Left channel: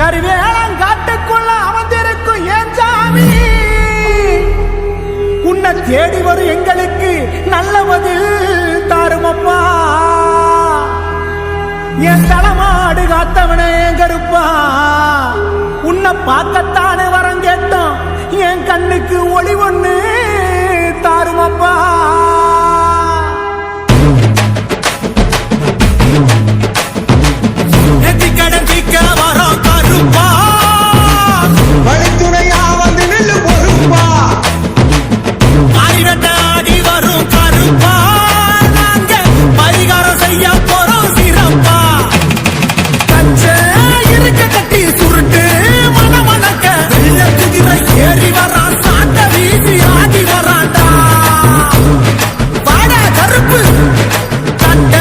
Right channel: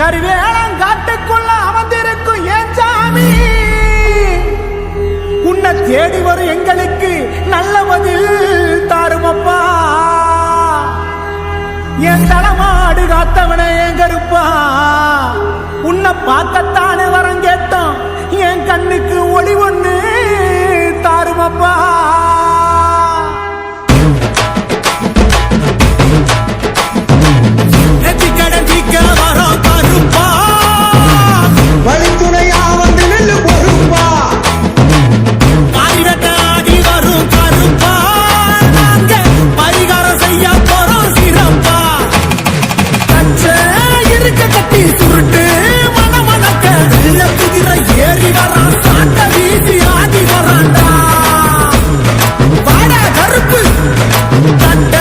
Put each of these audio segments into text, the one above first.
கருவேலங்காட்டுக்குள்ள அமர்ந்திருக்கும் ஏன் சாமி, உன்னை தேடி வரும் எங்களுக்கு நல்ல பதில் தாருமப்பா. என் தலைமாடு காத்தவன என் கருப்பா, உன்னை பார்க்கத்தானே வரம் கேட்டோம், என் கண்ணுக்கு ஒளி ஒண்ணு தாருமப்பா. கடந்திக்க வரோம் கருப்பா, வழித்துணையா வந்து நெல்லு பொறுப்பா, ஆடி வரும் கருப்பா, நாங்க பரிகாரம் செய்ய போறோம் சிறப்பா. கச்ச இருக்க கட்டி சுருட்டு மனமணக்க வெள்ள குதிரை ஏறி வரான், சாட்ட வீசி ஆடி வராண்டா. வாட கருப்பு கட்ட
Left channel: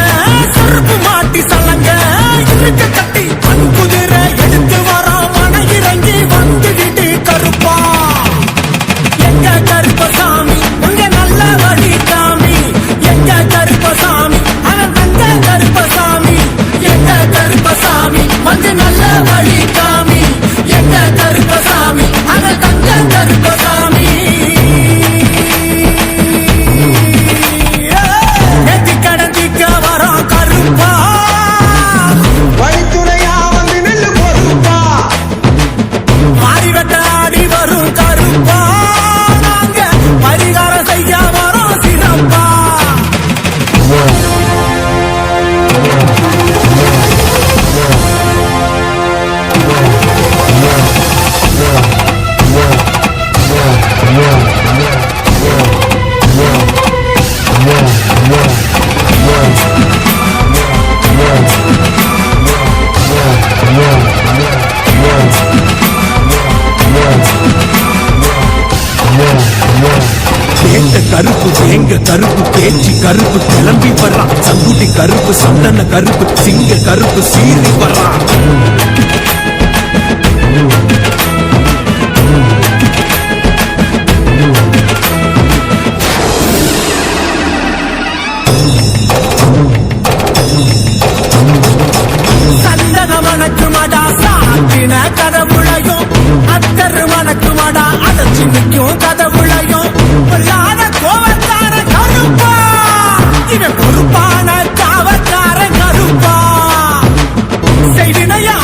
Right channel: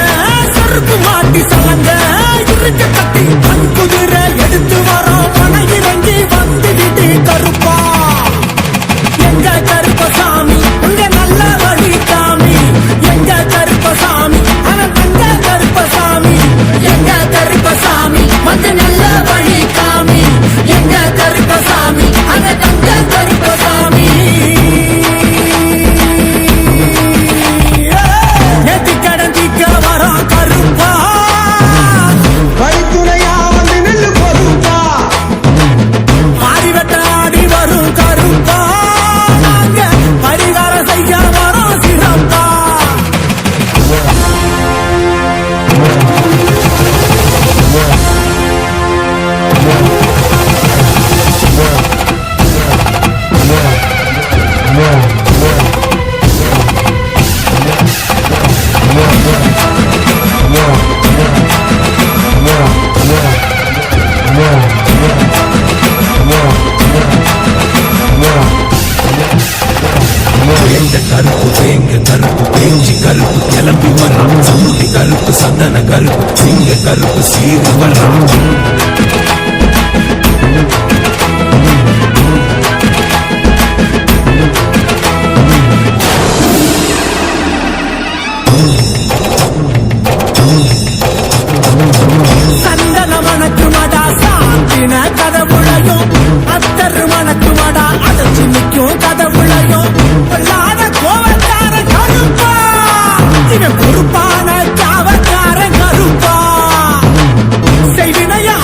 செருப்பு மாட்டி சலங்க இருக்க கட்டி மண் குதிரை எடுத்து வரோம், மன இறங்கி வந்து விட்டு கருப்பா. எங்க கருப்பசாமி அங்க நல்ல வழி காமி, எங்க கருப்பசாமி அவன் தங்க கருப்பசாமி, எங்க கருப்பசாமி வந்து நல்ல வழி காமி, எங்க கருப்பசாமி அவன் தங்க கருப்பசாமி. நெத்தி கடந்திக்க வரோம் கருப்பா, வழித்துணையா வந்து நெல்லு பொறுப்பா, மாறிவட்டாடி வரும் கருப்பா, நாங்க பரிகாரம் செய்ய வரோம் சிறப்பா. மணக்குமடா சாத்தின கதவுளையும், அத்தரு மணக்குமடா அடைச்சு நிற்கும் கதவுளையும், பொல்லாத கோவக்கார கருப்பா, இவன் பொறுப்பான காவக்கார கருப்பா. செய்வினையா